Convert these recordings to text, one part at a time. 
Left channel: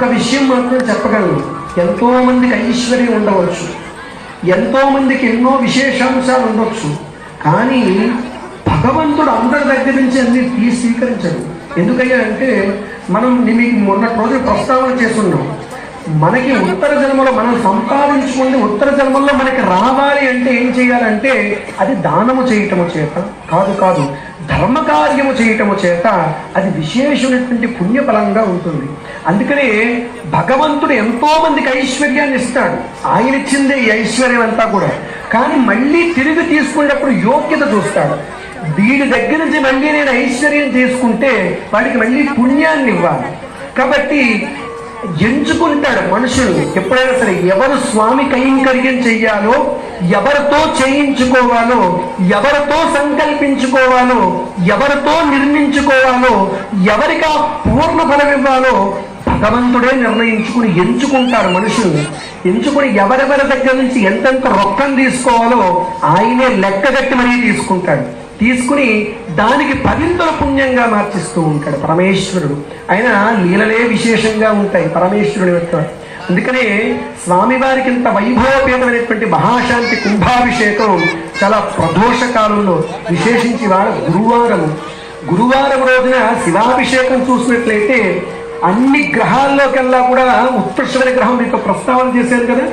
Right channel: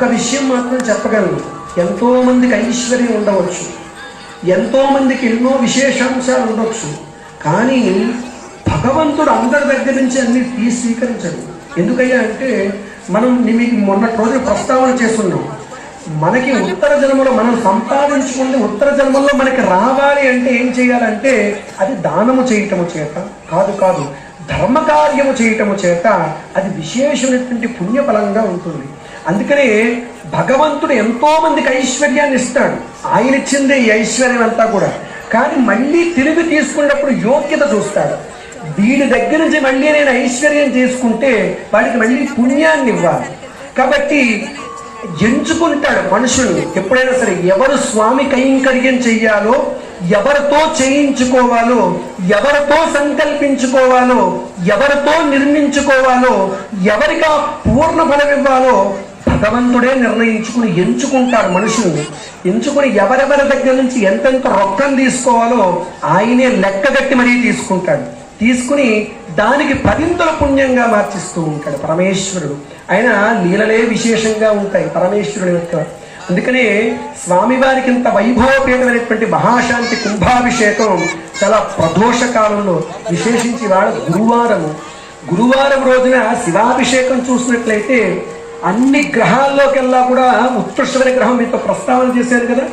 ఒక్క విషయం మాత్రం చెప్పగలను. ఎంతో మందికి ఐశ్వర్యం ఉండవచ్చు. ఎంతో మందికి ఎన్నో విశేషాంశాలు ఉండవచ్చు కానీ భగవంతుడు అందరి దగ్గర నుంచి అన్ని తీసి స్వీకరించడు. ఎందుకయ్యా అంటే మనం మీకు మొన్న రోజు ప్రస్తావన చేస్తున్నాం. మనకి ఉత్తర జన్మలో మనం సంపాదించుకుని ఉత్తర జన్మలో మనకి రావాలి అంటే ఏం చేయాలంటే అది దానము చేయటము చేత కాదు కాదు ధర్మ కార్యము చేయటము చేత అది విశేషమైనటువంటి పుణ్యఫలంగా ఉంటుంది. అందుకనే భగవంతుడు ఎంతో మందికి ఐశ్వర్యాన్ని ఇస్తాడు. ఆయన ఇచ్చిందే ఈ ఐశ్వర్యం అంతా కూడా. కానీ మళ్ళీ తిరిగి తీసుకునేటప్పుడు యోగ్యత చూస్తాడు. వీడి దగ్గర నుంచి మళ్ళీ నేను ఐశ్వర్యం తీసుకుంటే వాడికి మళ్ళీ పుణ్యాన్ని ఇవ్వాలి. కాబట్టి ఎంచుకుంటాడు మనుషులు. ఎప్పుడైనా సరే ఎవరు స్వామి కైంకర్యం చెయ్యాలో ఎవరితో చేయించుకోవాలో ఎవరితో సంకల్పించుకోవాలో ఎవరితో నిర్మించుకోవాలో ఎవరికి ఆ పూర్ణ ఫలం ఇవ్వాలో భగవంతుడే నిర్ణయించుకుని ఎంచుకుంటారు మనుషుల్ని ఎంచుకుని ఎవరెవరి దగ్గర నుంచి ఎంతెంత రొక్కం తీసుకోవాలో ఆయనే లెక్కగట్టి మరీ తీసుకుంటాడు. తీసుకుని దానికి పదింతుల పుణ్యంగా మార్చిస్తూ ఉంటాడు పరమేశ్వరుడు. ఆయన లీలలే విశేషంగా ఉంటాయి పరమేశ్వరుడు యొక్క. అందుకనే స్వామివారికి ఇంత వైభవపీఠమైనటువంటి మహాశాంతి కుంభాభిషేకం చాలా ప్రదోష కాలంలో విశేషించి వాళ్ళ గురువారము గురువారం రోజున శివాభిషేకం చూసినట్లయితే అన్ని గ్రహాల్లోకెల్లా కూడా ఉత్కృష్టమైన గ్రహం మీతో ప్రస్తావన చేశారు కదా?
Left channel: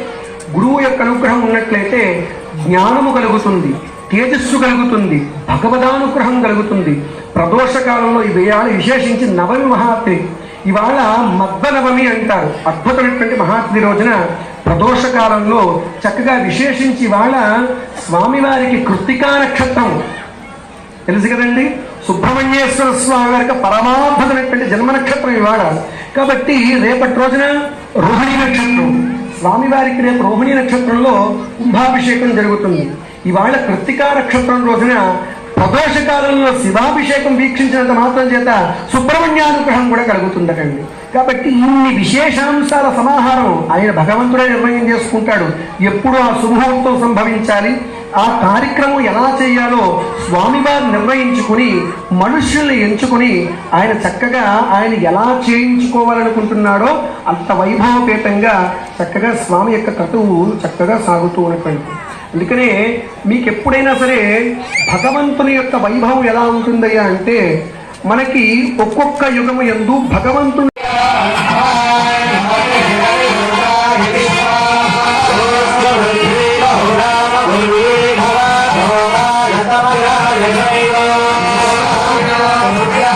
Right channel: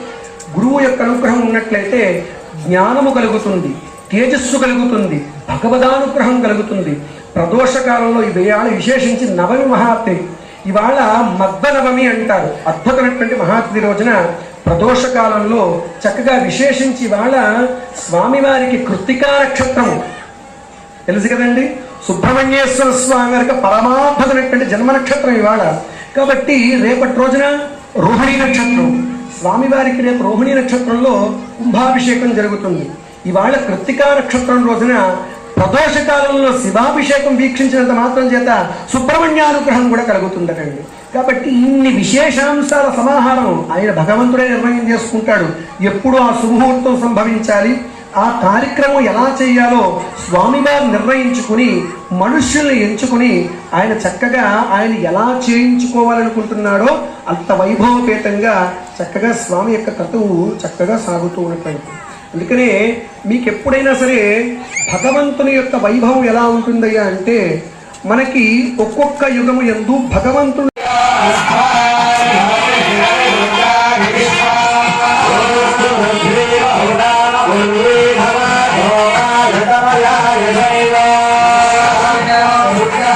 గురువు యొక్క అనుగ్రహం ఉన్నట్లయితే జ్ఞానము కలుగుతుంది. తేజస్సు కలుగుతుంది భగవదానుగ్రహం కలుగుతుంది. ప్రదోష కాలంలో ఇది ఇవాళ విశేషించి నవమి మహాత్రి ఇవాళ మద్ద నవమి అంటారు. అద్భుతమైనటువంటి మహాత్రి రోజున ప్రదోష కాలంలో చక్కగా విశేషించి ఇవాళ స్వామివారికి కృత్తికా నక్షత్రం తెలుసు కదండి? సుబ్రహ్మణ్యేశ్వర స్వామి వారికి పరమాద్భుతమైనటువంటి జన్మ నక్షత్రం ఇవాళ. కాబట్టి రేపటి రోజున రోహిణి నక్షత్రం. స్వామివారికి రేపు రోహిణి నక్షత్రంలో కుంభాభిషేకం జరుగుతుంది. ఇవాళ కృత్తికా నక్షత్రం రోజున ప్రదోషకాలంలో శివాభిషేకం వీక్షించినంత మాత్రం చేత సుబ్రహ్మణ్యానుగ్రహం కూడా కలుగుతుందటండి. కాబట్టి ఇన్ని విశేషాంశాల సమాహారం ఆయన భగవంతుడే నిర్ణయం చేసుకుంటాడు. ఎప్పుడు ఆ శుభముహూర్తం సంభవించాలి? ఆ కార్యక్రమం ఎలా చేయాలో స్వామివారు నిర్ణయించుకుని మనుష్యుల్ని ఎంచుకుని ఆయన చక్కగా ఆయన ఎలా చేయించుకోవాలనుకుంటున్నాడో అంత వైభవపేతంగా చక్కగా స్వామి యొక్క క్రతువు చక్కగా సాగుతూ ఉన్నటువంటి అందుకనే మీకు ఎప్పుడైనా సరే భగవంతుని యొక్క వైభవం ఎలా ఉంటుందయ్యా అంటే మనకి ఒక్కొక్క యుగము ఎందు భగవంతుని Yeah.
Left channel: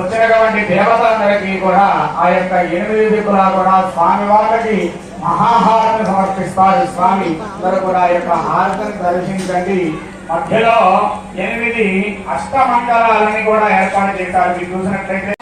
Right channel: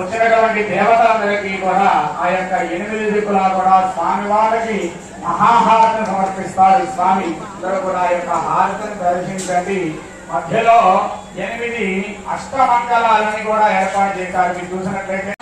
వచ్చినటువంటి దేవతలందరికీ కూడా ఆ యొక్క ఎనిమిది దిక్కులా కూడా స్వామి వారికి మహాహారతిని సమర్పిస్తారు. స్వామి అందరూ కూడా ఆ యొక్క హారతిని దర్శించండి. మధ్యలో ఎనిమిది అష్టమంగళాలని కూడా ఏర్పాటు చేశారు. మీరు చూసినట్లయితే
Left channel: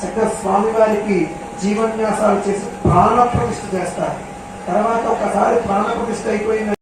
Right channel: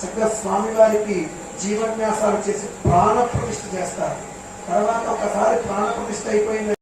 చక్కగా స్వామివారికి జీవన్యాసాలు చేసి ప్రాణ ప్రతిష్ఠ చేస్తారు. తర్వాత ఒకసారి ప్రాణ ప్రతిష్ట అయిపోయింది